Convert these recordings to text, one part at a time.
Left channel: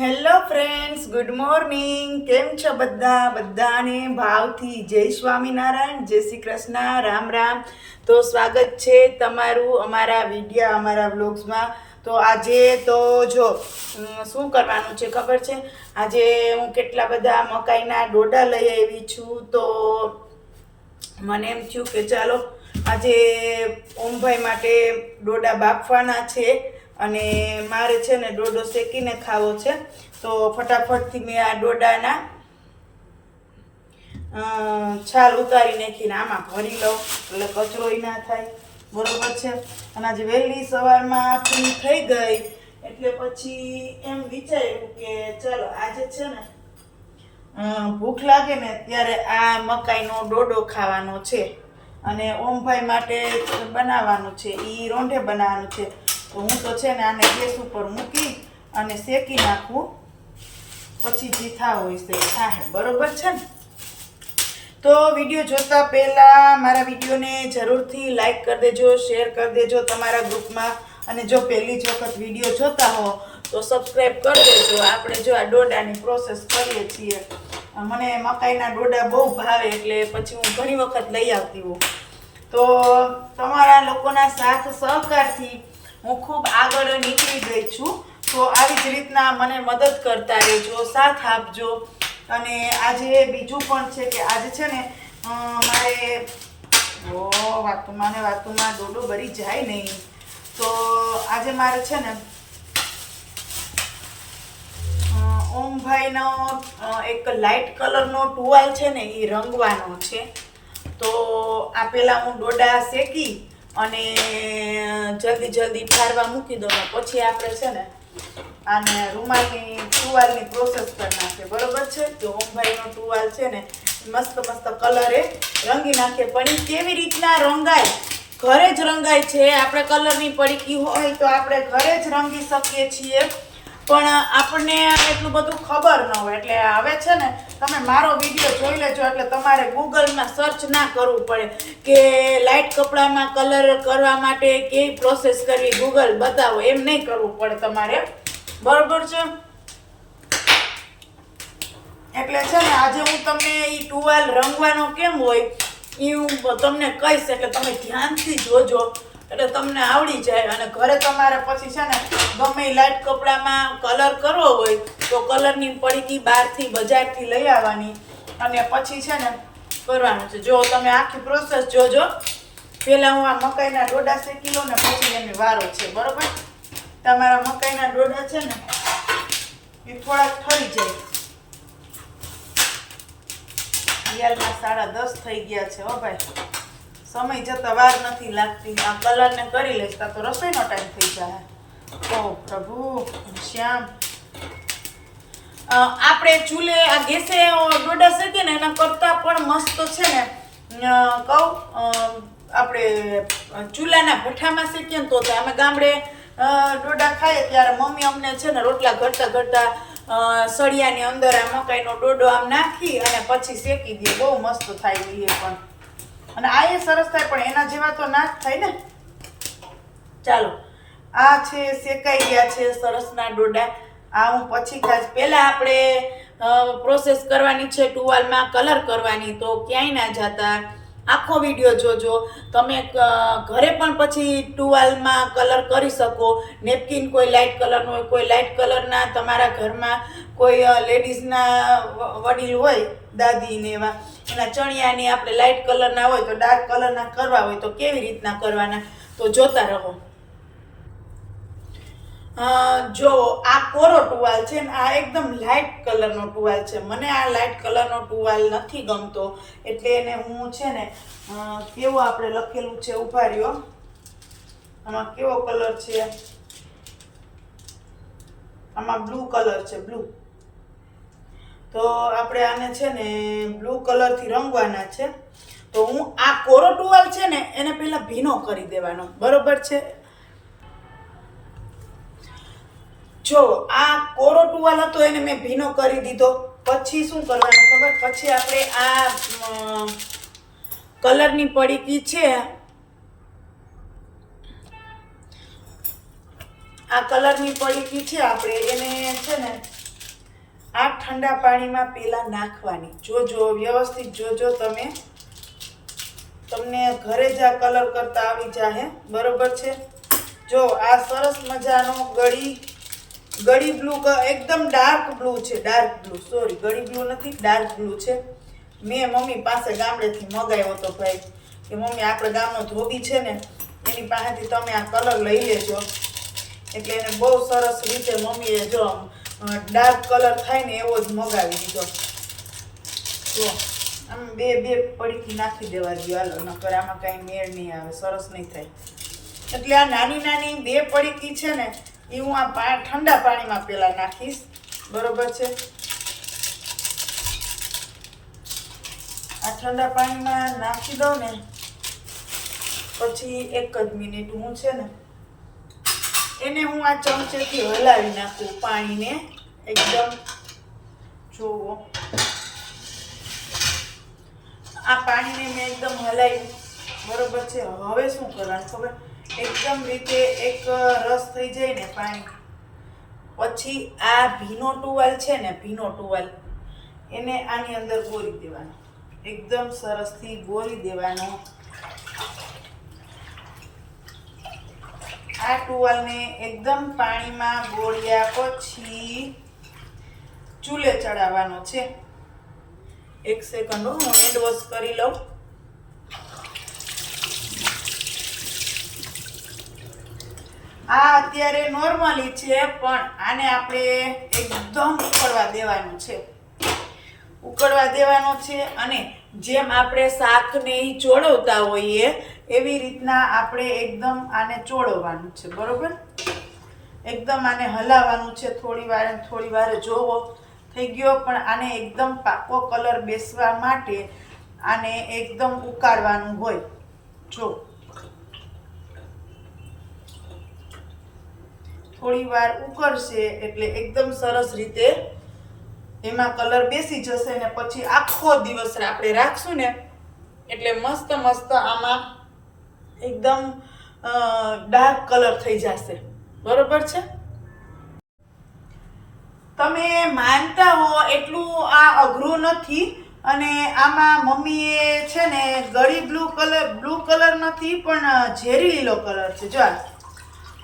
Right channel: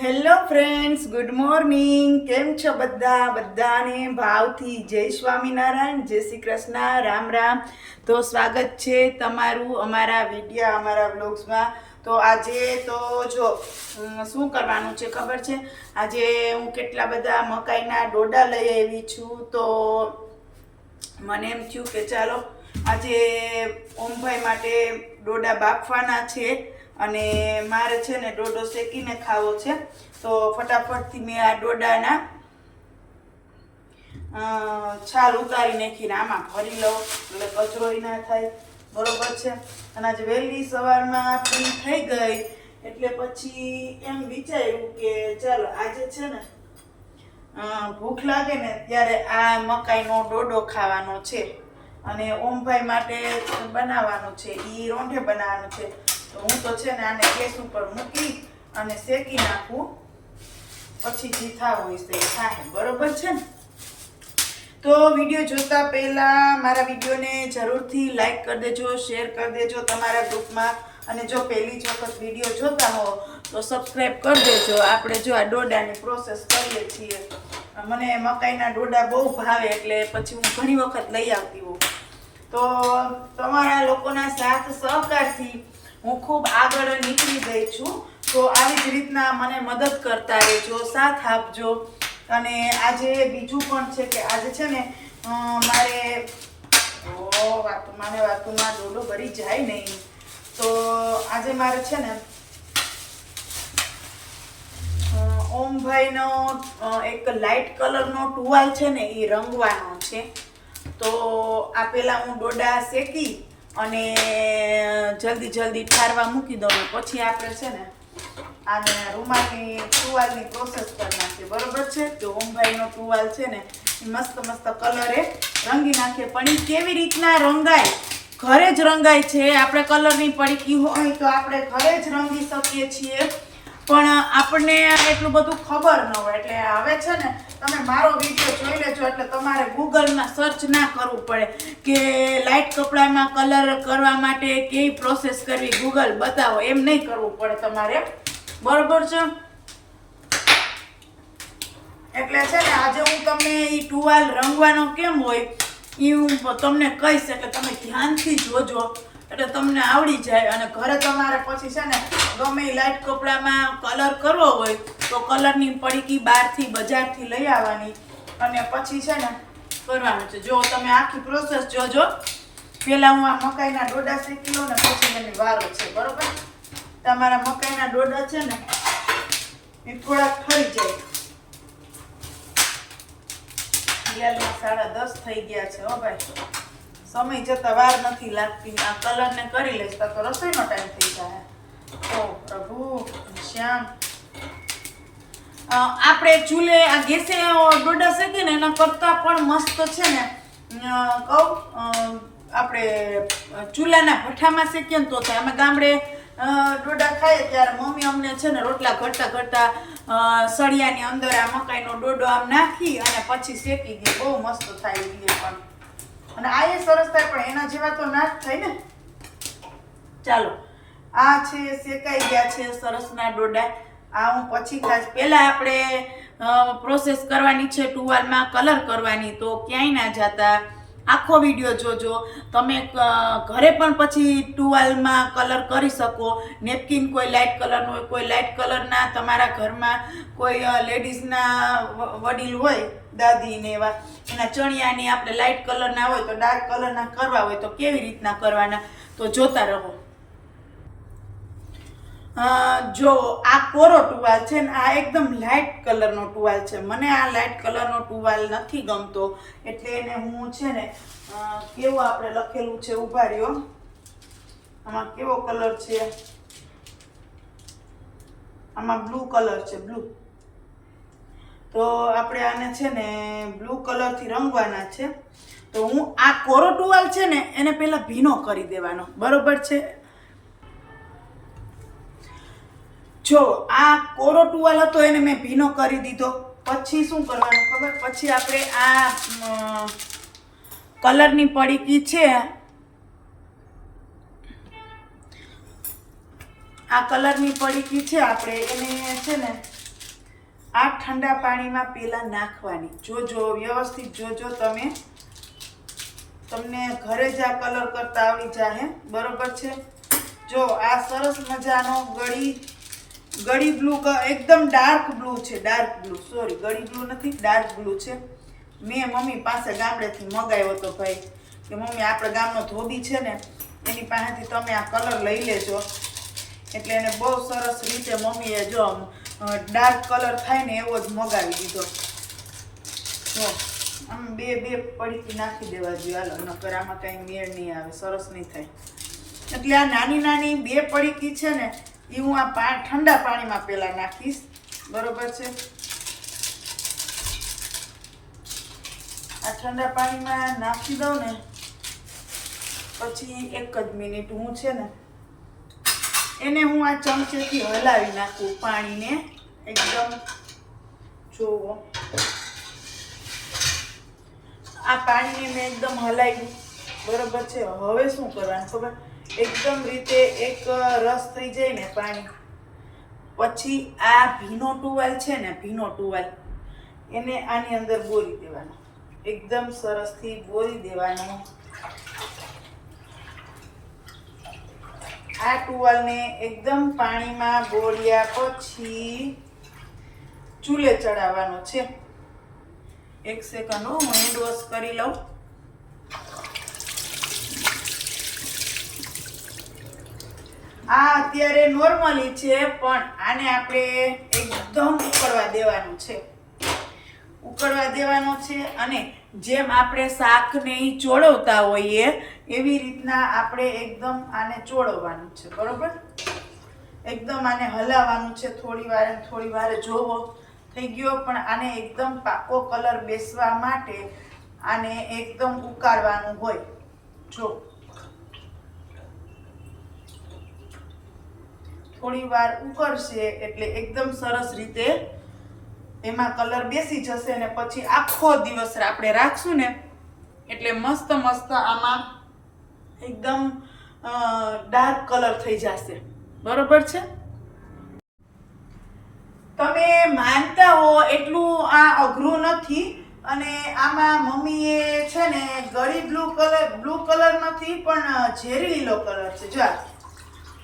Hello friends good morning કેમ છો બધા? બધાને ભાવથી જય સ્વામિનારાયણ, જય શ્રી કૃષ્ણ. રામ રામ. તો સ્વાગત છે તમારું અમારા વિડીયા, અમારા બ્લોગ્સમાં તો આજે તો જો શું કરવાનું છે ખબર છે? આજે હું કેટલા બધા મકાઈના ડોડા લઈ આવી છું. તો મને એમ થયું કે ચાલો, આજે ઓમભાઈ માટે ડોડા બાફવાના છે. અને મારે છે ને ડોડો શેકીને ખાવો છે. તો ફટાફટથી મેં આ ડોડાના છાલ ઉતારી નાખીને આમાં ભરી લઉં, એટલે કચરો ના થાય. બરોબર છે? અને આજે વહેલી સવારમાં ફ્રી થઈ ગઈ, એટલે પછી એમ વિચાર્યું કે ચાલો આજે છે ને ભૂખ લાગે ને ત્યારે આ મકાઈનો ડોડો ખાવાનો છે. અને ઓમભાઈ માટે બનાવવાનું છે એ રોંઢે બનાવવાનું છે. તો હું તો છે ને આને ગેસ ઉપર મૂકી અને શેકી નાખું. પછી જે થાવ હોય છે થાય બરોબર છે ને? તો વીડિયો જોતા પહેલાં મારા વિડીયોને જરૂરથી લાઈક કરી દેજો, શેર કરી દેજો તમારા ગ્રુપમાં. અને જો પહેલી જ વખત વીડિયો જોતા હો તો સબસ્ક્રાઈબ કરી દેજો. આપણે જો આ ડોડાની પ્રોસેસ કરીએ છીએ. મને મકાઈના ડોડા બહુ ભાવે એટલે પછી હું ઘણી વખત લઈ આવતી હોઉં. તો તમારા લોકોના સાથ સહકારથી હું ખૂબ આગળ નીકળી ગઈ છું. તો આવી જ રીતના મને મદદ કરતા રહેજો, સાથ આપજો. અને આજે બીજું પણ છે કે આજે છે ને મારે, ઓ વાતુમાં ને વાતુમાં ડોડો ભરી જાય નહીં. તો આજે મારે છે ને ઓમભાઈનો એક લાઇટ કલરનો ટુવાલ છે ને એ રંગવાનો છે. તો આ પહેલાં હું ડોડા શેકી અને જલ્દી જલ્દી ઠારવા મૂકી દઉં પછી આપણે છે ને આને રૂમાલની ટુવાલની પ્રોસેસ કરી નાખીએ બરોબર છે? કે ઓમભાઈનો ટુવાલ છે ને મસ્ત મસ્ત કલરે રંગી નાખીએ પણ એ કેવી રીતના રંગાય? ઘરે જ રંગાય છે. આપણે કલરની પડીકી હોય તો આપણે ઘરે જ રંગી શકીએ છીએ. પણ આપણને એટલું બધું ખબર ન હોય. એટલે હવે છે ને, તમે મારો વીડિયો જોઈ લેજો. એટલે તમારે ગૂગલમાં સર્ચ ના કરવું પડે કે લાઇટ કપડામાં કલર કરવા માટે કેવી પ્રોસેસ કરવી ગૂગલ બતાવો. એમ નહીં કરવું પડે તમારે. બરોબર છે? એટલે છે ને, આજે હું તમને એ ટુવાલ રંગવાનો કેમ હોય એ હું તમને કહીશ. એટલે તમે ધ્યાનથી જોજો. એટલે તમને આવડી જાય અને ઘરે તમારે પછી છે ને ગમે લાઇટ કપડામાં કલર કરવો હોય તો કલરની પડીકી બહારથી, બજારથી લઈ આવવાની અને પછી છે ને કરવાનું છે. જો તમે આખી પ્રોસેસ જોજો. પહેલાં હું આ મકાઈના ડોડા શેકી લઉં ને પછી એની વારો છે. બરાબર? તમારા મકાઈના ડોડા છે ને એ થોડાક ઠરી જાય. રિયાલમાં સાડા દસ થઈ ગયા છે હો ભાઈ. સમય જતા વાર નથી લાગતી આ કલરને કરી લઈશ, તા રસોઈનો ટાઈમ થઈ જાય. ઓ પ્રભુ, શ્યામ. આપણે ચૂલે આ ગેસે ડોડા શકીએ ને એના કરતાં પણ મસ્ત છે ને કહું આપણે ચૂલાના ભઠ્ઠામાં શેકીએ ને તો અમે ગામડે ડોડા ખાઈએ ત્યારે મમ્મી અમને છે ને રોટલા ઘડતા ઘડતા સળિયાની અંદર આ મકાઈનો ડોડો આમ નાખી અને પછી શેકી દઈએ. બહુ મસ્ત થાય એ પણ. અને આ એ સરસ થાય, પણ એના જેવા તો ના થાય ને. ચાલો. આ છે, શેકાઈ ગયા છે સરસના ડોડા. આ હું પછી ખાસ, પહેલાં આપણે પ્રોસેસ કરવાની છે ટુવાલમાં કલર કરવાની, તો ક્યાંય ના જતા. આખો વીડિયો જોજો. તમે ઘરે પણ પછી ટુવાલમાં કલર કરી શકો. નેપકિન કોઈ લાઇટ કલરનું હોય, કોઈ લાઇટ કલરના તમારા ઘરમાં કોઈ લેડીઝના વડીલ હોય દાદી ને એવા, એના ચણિયાની આપણે લાઇટ કલરના હોય તો ડાર્ક કલરના કરવા હોય તો કેવી રીતના કરવાના? તો જોતા રહો. જો આ કોરો ટુવાલ છે ને, આ એકદમ લાઇટ કલરનો ટુવાલ છે. મને આ લાઇટ કલરનો ટુવાલ નથી ગમતો. એટલે એને હું છે ને કેવો આપણે લખેલું છે ઊભા રહ્યો આમાં કેવો કલર છે? આમાં બ્લુ કલર છે બ્લુ તો આપણે આને છે ને બ્લુ કલરથી રંગવાના છે. તો હું આ કોરો ટુવાલ છે ને એને પહેલાં ભીનો કરી દેવાનો. બરોબર છે? જો આ કોરો ટુવાલ હતો એને મેં ભીનો કરી દીધો. પછી શું કરવાનું ખબર? પછી આપણે આ કલરની પડીકી છે. આ કલરની પડીકી છે, આપણે એને છે ને આ ઠંડા પાણીમાં પેલા નાખવાની. જોજો વ્યવસ્થિત જોજો તમે તમને ઘરે જ આ કલર કરતા આવી જાહે. બરોબર છે? જો આ સરસ મજાનો ગળી ગળી બ્લુ એકદમ ડાર્ક બ્લુ છે, ડાર્ક બ્લુ. સોરી, ગળી બ્લુ નથી, ડાર્ક બ્લુ છે. મેં મમ્મી પાસે ગામડેથી મગાવ્યો હતો ભાઈ, કે મમ્મી આપણે ગામનો ધોબી છે ને, એની પાસેથી તમે આ કલર લઈ લેજો. એટલે એને બહુ સરસ રીતે મમ્મીએ જો ડાર્ક કલર થાય ને એવો જ મગાવી દીધો. તો આમ બે બે પડીકી નાખી દેવા જોઈએ હાલો, નકર આમાં કાંઈ મેળ નહીં આવે, સરસ નહીં થાય. એટલે આ નાની નાની બે પડીકી છે ને, એ હું આ પા, ઠંડા પાણીમાં પહેલાં નાખીશ. બરોબર છે? આ ઠંડા પાણીમાં નાખી દઉં ને, પછી એક જ મિનિટ હું છે ને એને હું આ ચમચેથી હલાવી નાખું પાણીને. એકદમ જોવો આ પાણીને મેં એકદમ હલાવ્યું. બરોબર છે? હવે શું કરવાનું ખબર? એકદમ રીતે એક રસ થઈ જાય ને પાણી. પછી આ ભીનો ટુવાલ છે ને, ભીનો ટુવાલ, એને આની અંદર બોરી દેવાનો. એકદમ સરસથી બોરી દેવાનો. આ ટુવાલને એકદમ પાણીમાં બોળ્યા પછી ચૂલે ચડાવવાનો છે. એક સેકન્ડ હું હેન્ડ વોશ કરી લઉં. આ અત્યારે નોર્મલી છે, પણ આને આપણે એકદમ ઉકળવા દેવાનું છે. ઉકળવા દેવાનું છે અને જેમ આપણે શાકને ચોળવતા હોઈએ એવી રીતના આપણે એકદમ આને ચોળવવાનું છે, બરોબર? એકદમ આને હલાવવાનું છે, થોડી વાર થોડી વાર જોવો. થઈ ગયો, પણ આને એકદમ પાકો કલર બેસવા માટે આને એકદમ ઉકાળવાનું હોય. જો. થોડી વાર ઉકળશે એટલે એકદમ સરસ રીતે એમાં કલર બેસી જશે ને પછી આખો દિવસ આપણે રાખશું ને, એટલે મસ્ત મસ્ત આમાં એકદમ ડાર્ક કલર થઈ જશે. બરોબર છે? તમે માનતા હો એટલું આ અઘરું નથી અને આમાં મમ્મીએ છે ને ગળી બ્લુ કલર બ્લુ કલર નથી, પણ ઝેરી લીલો કલર છે. જો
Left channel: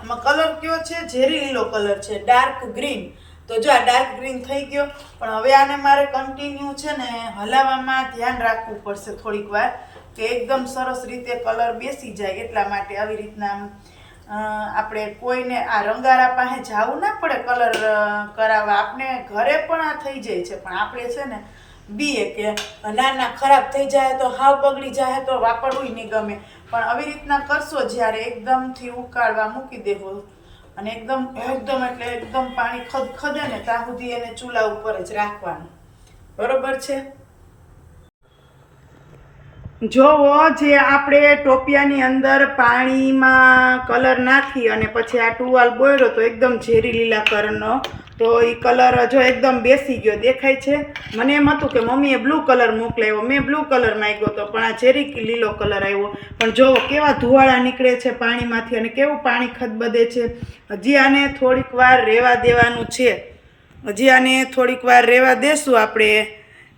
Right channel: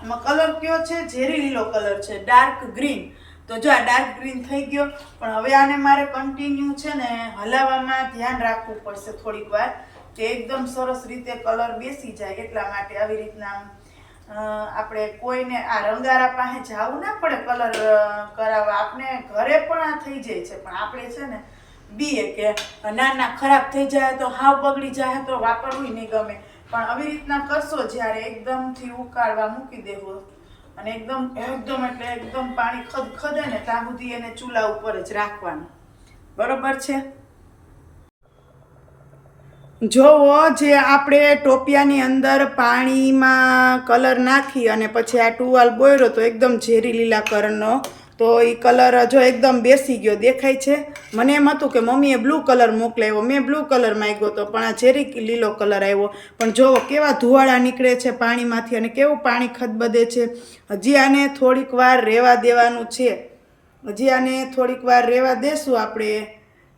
આમાં કલર કયો છે? ઝેરી લીલો કલર છે. Dark green. તો જો આ ડાર્ક ગ્રીન થઈ ગયો. પણ હવે આને મારે કન્ટિન્યુ છે ને હલાવવામાં ધ્યાન રાખવું પડશે થોડીક વાર. કે એકદમ સરસ રીતે કલર બેસી જાય એટલા માટે આવી રીતના આપણે કોઈને આ રંગારા પાસે જવું ના પડે કલર કરાવવા. આપણે ઘરે પણ આ થઈ જાય છે. પણ આપણે છે ને બીએ કે ના ના, ખરાબ થઈ જાય તો હાવ બગડી જાય તો વાપરવું નહીં ગમે. પણ આવી રીતના કરશો જ્યારે એકદમથી ઉકાળવા મૂકી દેવો અને એકદમ એકદમ એટલે એકદમ પાણી ખદ ખદે ને ત્યાં સુધી એને ચૂલા ઉપર જ રાખવાનું. બરોબર છે? જોવો, જે આપણે ટોપિયાની અંદર પાણીમાં કલર નાખી અને પછી આ ટુવાલ બોયરો તો એકદમ ઝેરી લીલા કલરનો, તો એ કલર જો એકદમ બેસી ગયો દેખાય છે. મને એમ હતું કે મમ્મીએ બ્લુ કલર મોકલાવ્યો મેં બ્લુ કલર માગ્યો હતો પણ આ ઝેરી લીલો કલર આવ્યો. પણ જોવો કેવા ધુવાળા નીકળે છે પાણીમાંથી અને કેવું પાણી ખદબદે છે. હજી આને થોડીક વાર રહેવા દેવાનું છે. હજી આને થોડીક વાર રહેવા દેશું આપણે.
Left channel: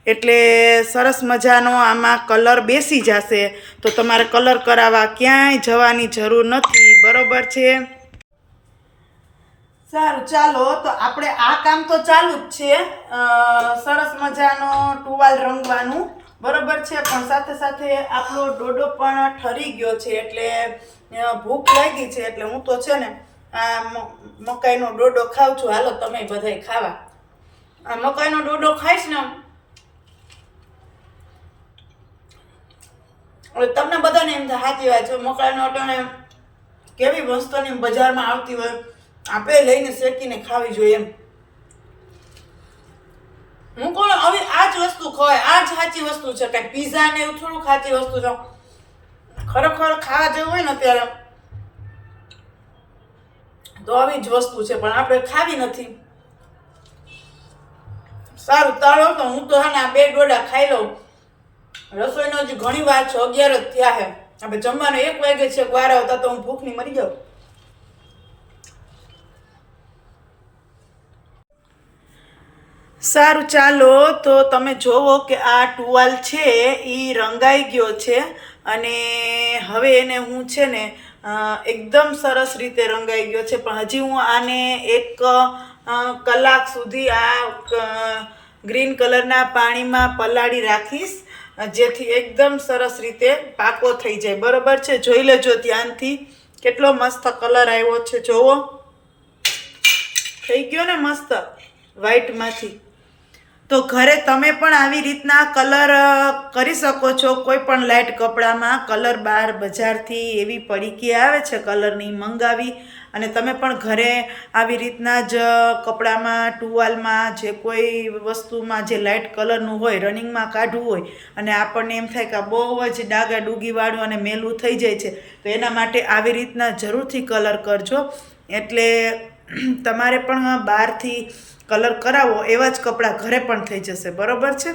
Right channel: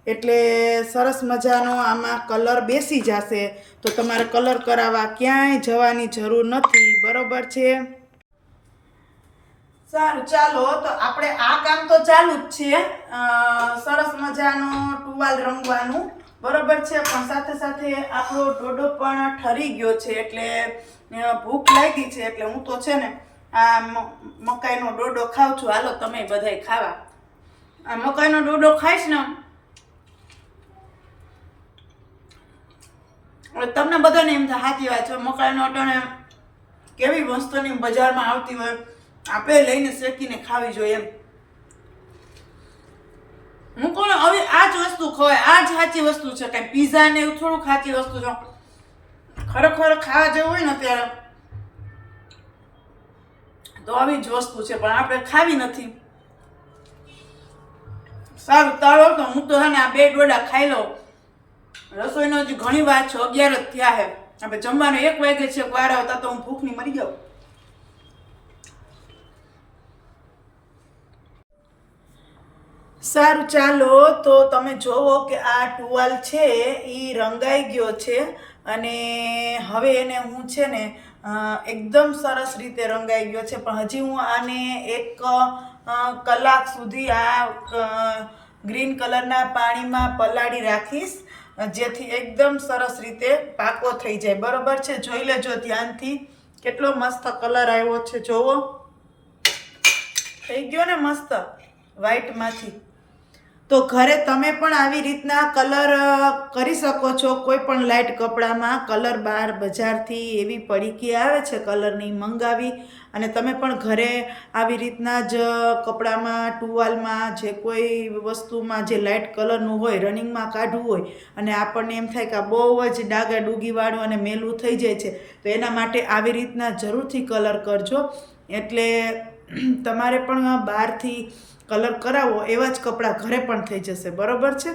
એટલે સરસ મજાનો આમાં કલર બેસી જશે. તો તમારે કલર કરાવવા ક્યાંય જવાની જરૂર નથી. બરોબર છે? સારું, ચાલો. તો આપણે આ કામ તો ચાલુ જ છે. સરસ મજાનો ટુવાલ રંગવાનું. બરોબર છે? પણ સાથે સાથે આપણો ડોડો પણ ઠરી ગયો છે. એટલે ભૂખ લાગી છે. એટલે હું તો છે ને, આ મકાઈનો ડોડો ખાઉં છું. હાલો, તમે બધાય ખાવા. આ મકાઈનો ડોડો ખાઈશ ને હવે તમને બધાને એમ સાચી વાત છે. મકાઈનો અટાણે કેવી વસ્તુની બજારમાં આવતી હોય આપણે લઈને શેકીને ખાવી જોઈએ એમ. હું કોણ હવે આ જ વસ્તુ ખવાય આ જ સાચી વસ્તુ છે. કાંઈ પીઝા ને એવું થોડું સાચી વસ્તુ છે. ખરેખર ખાવા જેવું હોય ને ત્યારે તો આવી જ વસ્તુ છે, પણ આપણે ખાવી નથી. સારું, તાળો તો હું તો હે ને આ બે ડોડા ખાઈ લઉં. રસોઈનો જ ઘણી વાર છે અગિયાર જ થયા છે આપણે જમવાનો એક વાગે છે વાર આવતા તો હું ભૂખની મરી જાઉં. સારું, ચાલો તો તમે જોવો કે આ ટુવાલ છે એ રંગાઈ ગયો છે અને હવે એને હું છે ને એકદમ સરસ રીતે રંગાઈ ગયો છે. પણ હજી હું આને એક કલાક સુધી આ ગ્રીન કલરના પાણીમાં પલાળી રાખીશ. જેથી એકદમ સરસ રીતે પાકો થઈ જાય. બરોબર છે? જોઈ લેજો ધ્યાનથી. કેટલો મસ્ત કલર આવ્યો છે, જોવો. થઈ ગયો ને મસ્ત? વ્હાઈટમાંથી તો ઘરે તમે પણ આવી રીતના કલર કરી શકો છો. કોઈ પણ લાઇટ કપડામાં કલર બહાર બજારથી એવી પડીકી આવે છે, કલરની મંગાવી. અને તમે પણ ઘરે આવી રીતના જ કપડામાં, ટુવાલમાં જે કોઈ વસ્તુમાં જે લાઇટ કલરનું હોય રનિંગમાં કાઢવું હોય અને આપણને એમ થાય કે બહુ જ ડાગા ડૂગીવાળું અને મેલું થઈ જાય છે, તો એના માટે આવી રીતના જરૂરથી કલર કરજો. એટલે તમારે પણ બહારથી કલર કરાવો એવા જ કપડાં ઘરે પણ થઈ જશે. બરોબર છે?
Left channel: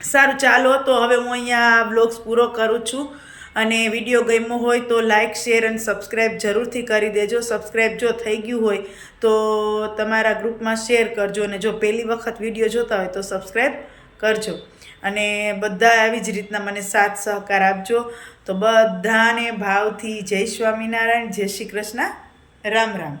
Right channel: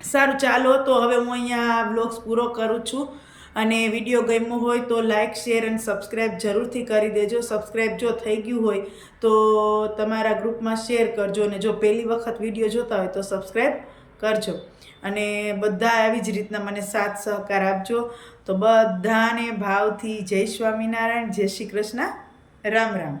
સારું, ચાલો, તો હવે હું અહીંયા વ્લોગ્સ પૂરો કરું છું. અને વીડિયો ગમ્યો હોય તો લાઇક શેર અને સબસ્ક્રાઈબ જરૂરથી કરી દેજો. સબસ્ક્રાઈબ જો થઈ ગયું હોય તો તમારા ગ્રુપમાં શેર કરજો અને જો પહેલી વખત વીડિયો જોતા હોય તો સબસ્ક્રાઈબ કરજો. અને બધા આવી જ રીતના મને સાથ સહકાર આપજો. તો બધાને ભાવથી જય સ્વામિનારાયણ, જય શ્રી કૃષ્ણ. રામ રામ.